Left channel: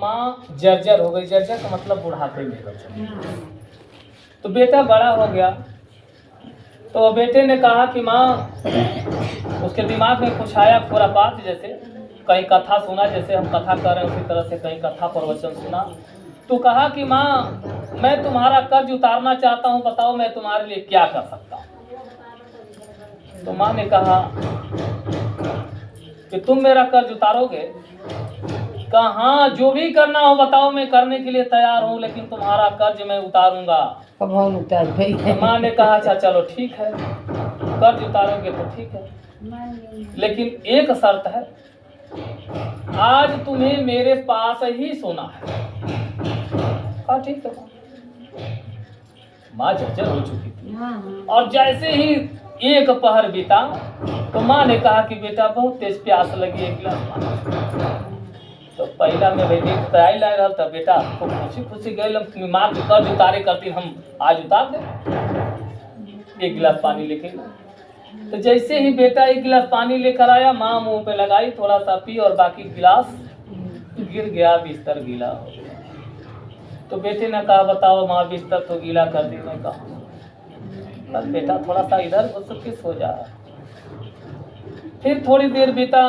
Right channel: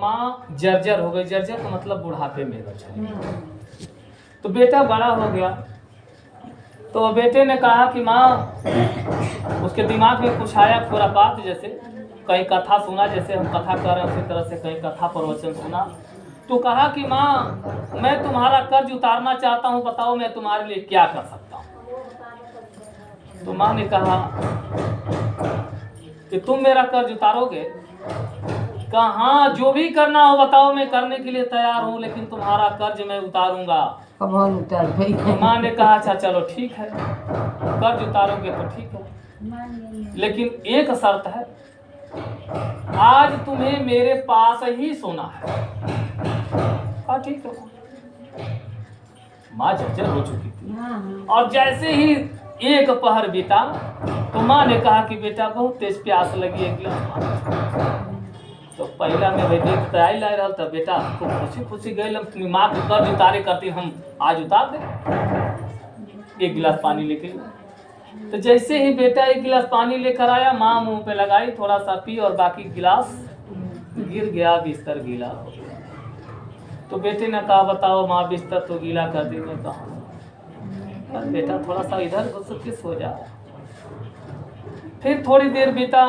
माँ जर्जर हो गई। जर्जर का मतलब बुढ़ापे में बच्चा। तो बेटा बड़ा हो गया, तो बेटे ने कहा कि माँ, उसके दिमाग में कुछ आया खुरापात, जैसे कहीं कथा सुना, जैसे हम कथा कर रहे हैं उसी तरह से कहीं कथा प्रवचन सुना। तो कहा कि माँ, मैं तुम्हारा कर्ज उतारना चाहता हूँ, बताओ मैं तुम्हारे लिए क्या कर सकता हूँ। तो माँ ने कहा कि तुम मेरा कर्ज उतारोगे? कहा हाँ, जो भी करना हो बताओ, मैं करने के लिए तैयार हूँ, लेकिन तुम्हारा कर्ज मैं उतारूंगा। तो माँ ने कहा अच्छा चलो ठीक है, कर्ज उतारोगे तो ठीक है, लेकिन एक शर्त है, आज तुम्हें मेरे पास ही सोना है। कहा ठीक है। माँ जर्जर हो चुकी थी, और जैसे ही एक पहर बीता तो माँ ने कहा कि बेटा बहुत तेज प्यास लगी, एक गिलास पानी। तो पहला में भाई देख आई ला रहा था, बेटा खूब खुशी खुशी गए, माँ के कर्ज उतारे करती, हम आज उतार दे। एक गिलास पानी लेके, तो जैसे ही बेटा एक गिलास पानी लेकर आया, माँ मुंह पे लगाई, थोड़ा सा पी और बाकी गिलास गिर गया, बिस्तर गीला हो गया। तो बेटे ने कहा बताओ माँ, बिस्तर तो गीला कर दी। मैं कहा पर बेटा थोड़ा सा इधर घुस सो जा। फिर थोड़ी देर बीता,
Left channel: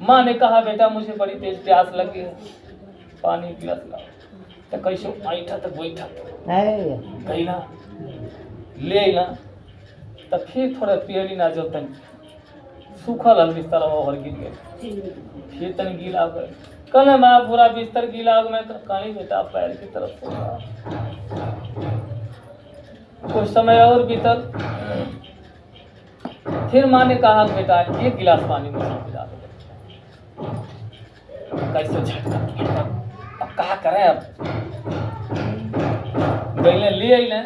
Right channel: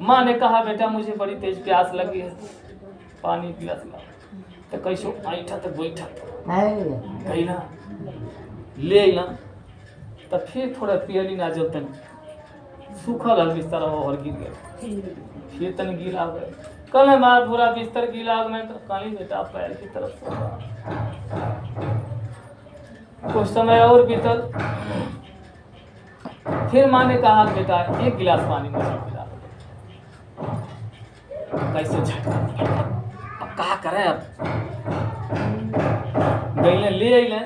माँ ने कहा बेटा मुझे बड़ी तेज प्यास लगी है, पानी गिलास लाओ। तो कैसो ऐठा तो बैठा गई ना, ले ना। तो फिर थोड़ा पियली ना, जो तन सूखल हल बिस्तर और गिर गए, फिर तन गीला हो गए। कल माँ पूरा बिस्तर गीला हो, मैं कहीं बेटा पैर की तरफ सो रहा। कुछ समय और बीतल, फिर माँ ने कहा बेटा एक गिलास पानी मुझे पिला दो। कैसे झटका, अब कहा करें, अब गई ले आई,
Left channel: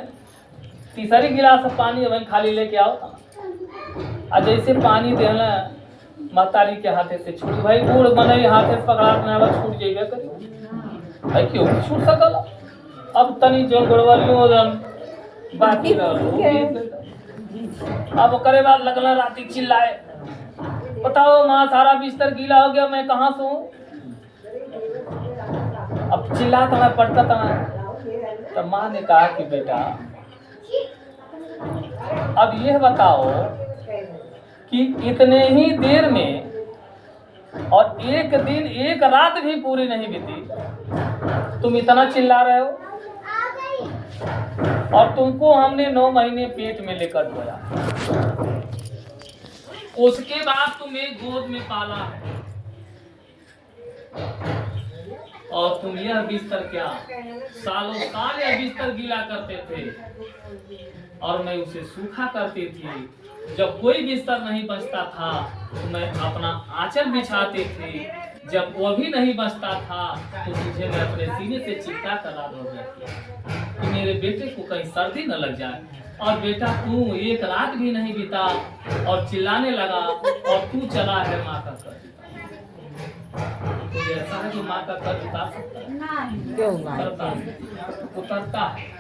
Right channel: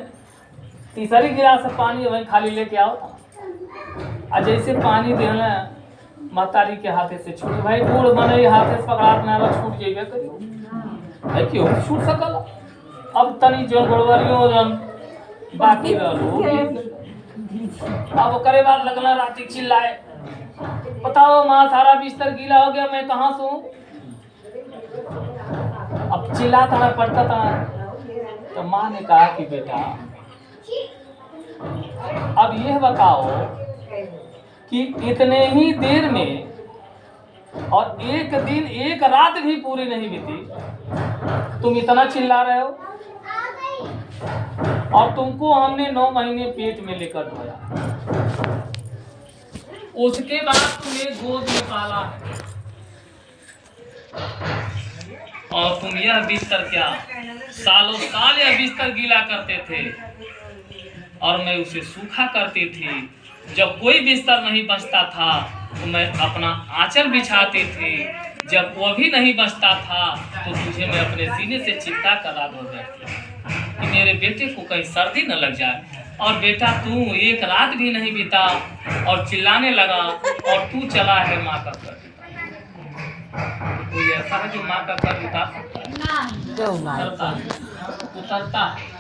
तीसरी गिलास से पानी वहीं खाली लेके आओ। और जैसे पानी देना महतारी के हाथे से छूट, भाई बूढ़ बने हाथे से पकड़ा छूट जेबे करियो, क्यों छूट सकल। अब तनी जो गोड़वलियों बाकी रहो। अब करे बाद लगना राती चिल्लाए, बताओ माँ सारा बिस्तर गीला हो गया, मैं कहाँ सोऊं। अब चिल्लाता पड़ता था। तो माँ ने कहा कि बेटा अब यह बताओ कि इतने ही देर में, और एक दिन एक रात भी पूरी नहीं बीती, तुम इतना चिल्ला रहे हो, और तुमको हमने 9 महीने पेट में लेकर ढोया, उसके बाद तुम्हें गोद में पाला है, और तुम यह बिस्तर क्या सालों साल यह बिस्तर गीला करते थे, और मैं उसे सूखा करती थी। जब कोई बिस्तर नहीं बचता था तो मैं अपना आंचल बिछाती थी, जब वो भी नहीं बचता था तो तुझे मैं अपने सीने से चिपका कर रात भर बैठती कि मेरे बेटे को कहीं सर्दी न लग जाए। और बेटा तू एक रात भी नहीं बीता और चिल्लाने लगा, और तू चला है माँ का कर्ज। कोई ऐसा है जो माँ का कर्ज उतार सकता है? उतरता है।